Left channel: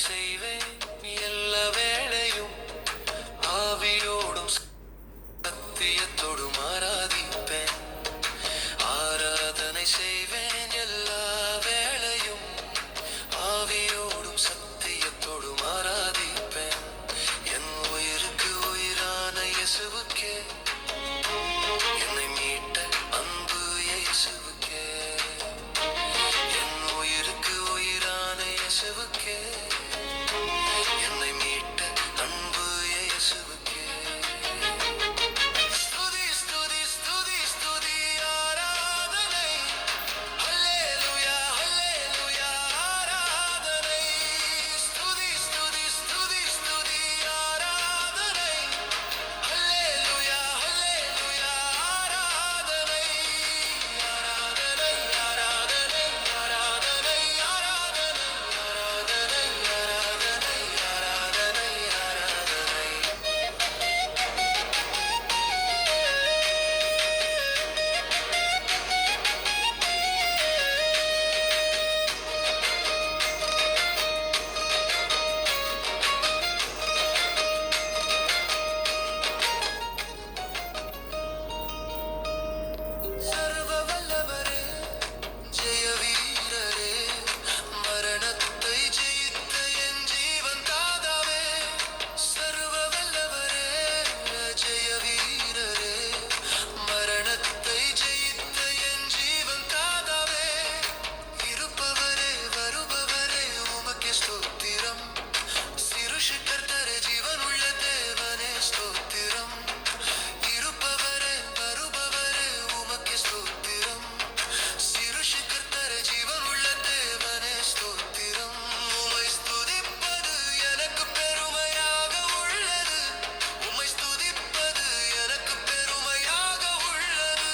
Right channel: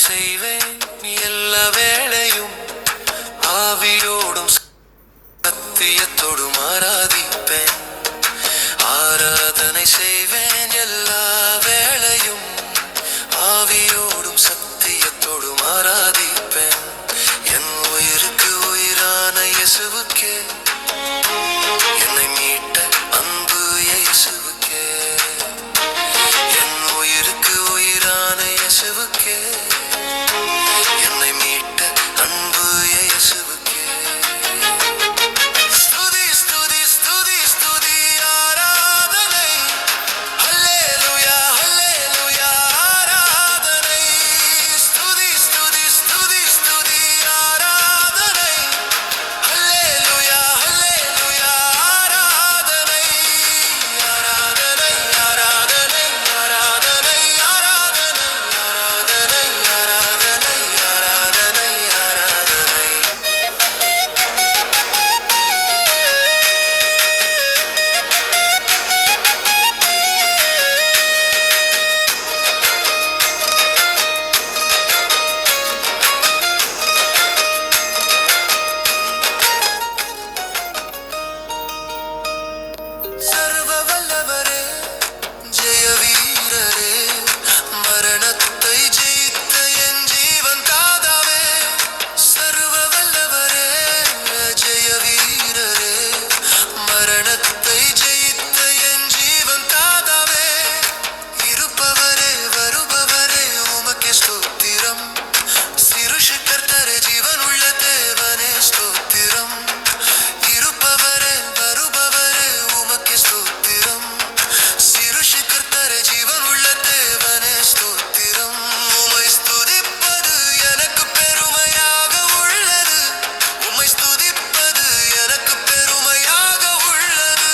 செய்வேன் எல்லா வேளையும் ஆவியோடும் சத்தியத்தோடும் ஆராதிப்பேன். ஆராதனை செய்வேன் எல்லா வேளையும் ஆவியோடும் சத்தியத்தோடும் ஆராதிப்பேன். என் உயிருக்கு உயிரான இயேசுவுக்கே, என்னை மீட்ட அன்பு இயேசுவுக்கே, என் உயிருக்கு உயிரான இயேசுவுக்கே, என்னை மீட்ட அன்பு இயேசுவுக்கே. ஸ்துதி ஸ்துதி ஸ்துதி ஸ்துதி ஆராதனை, ஹல்லேலூயா ஹல்லேலூயா ஆராதனை. ஸ்துதி ஸ்துதி ஸ்துதி ஸ்துதி ஆராதனை, ஹல்லேலூயா ஹல்லேலூயா ஆராதனை. ஆராதனை ஆராதனை ஆராதனை ஆராதனை ஆராதனை ஆராதனை ஆராதனை ஆராதனை. சர்வ வல்லவரே, ஜெய வீரரே, மரணத்தை ஜெயித்த என் ஜீவன் தாதாவே. சர்வ வல்லவரே, ஜெய வீரரே, மரணத்தை ஜெயித்த என் ஜீவன் தாதாவே. இருப்பவரே வருபவரே உமக்கே ஸ்தோத்திரம். சிருஷி கர்த்தரே ஜீவனுள்ள தேவனே ஸ்தோத்திரம். இருப்பவரே வருபவரே உமக்கே ஸ்தோத்திரம். சிருஷி கர்த்தரே ஜீவனுள்ள தேவனே ஸ்தோத்திரம். உம்மை ஸ்துதிப்பது எனக்கு பெருமையாக உள்ளது. உம்மை ஸ்துதிப்பது எனக்கு பெருமையாக உள்ளது.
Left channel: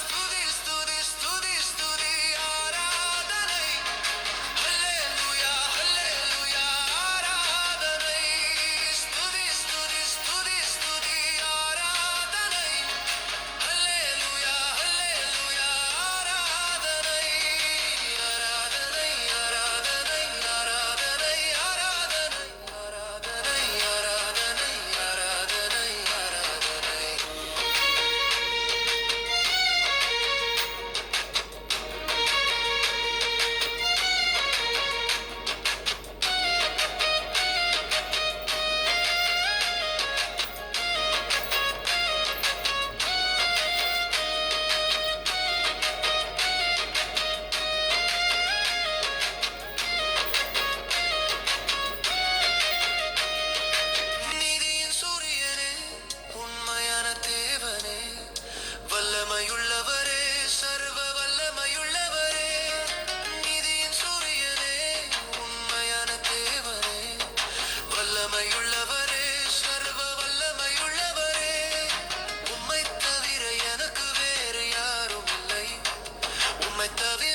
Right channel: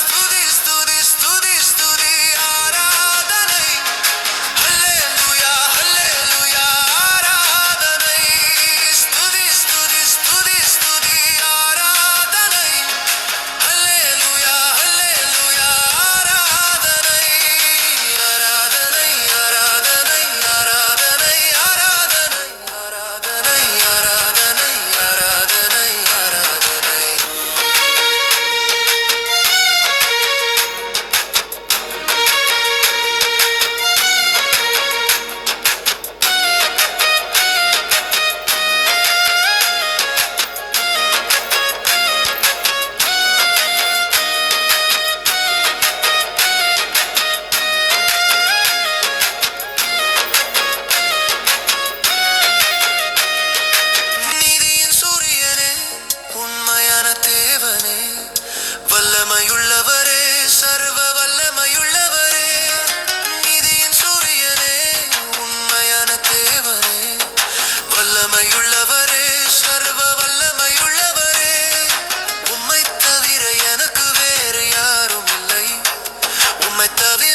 ஸ்துதி ஸ்துதி ஸ்துதி ஸ்துதி ஆராதனை, ஹல்லேலூயா ஹல்லேலூயா ஆராதனை. ஸ்துதி ஸ்துதி ஸ்துதி ஸ்துதி ஆராதனை, ஹல்லேலூயா ஹல்லேலூயா ஆராதனை. ஆராதனை ஆராதனை ஆராதனை ஆராதனை ஆராதனை ஆராதனை ஆராதனை ஆராதனை. நீதியின் சூரியனே, உண்மையான தேவனே, வல்லமையுள்ளவரே, சர்வ வல்லமையுள்ளவரே. நீதியின் சூரியனே, உண்மையான தேவனே, வல்லமையுள்ளவரே, சர்வ வல்லமையுள்ளவரே. உம்மை தவிர எனக்கு வேறு யாரும் இல்லை. உம்மை தவிர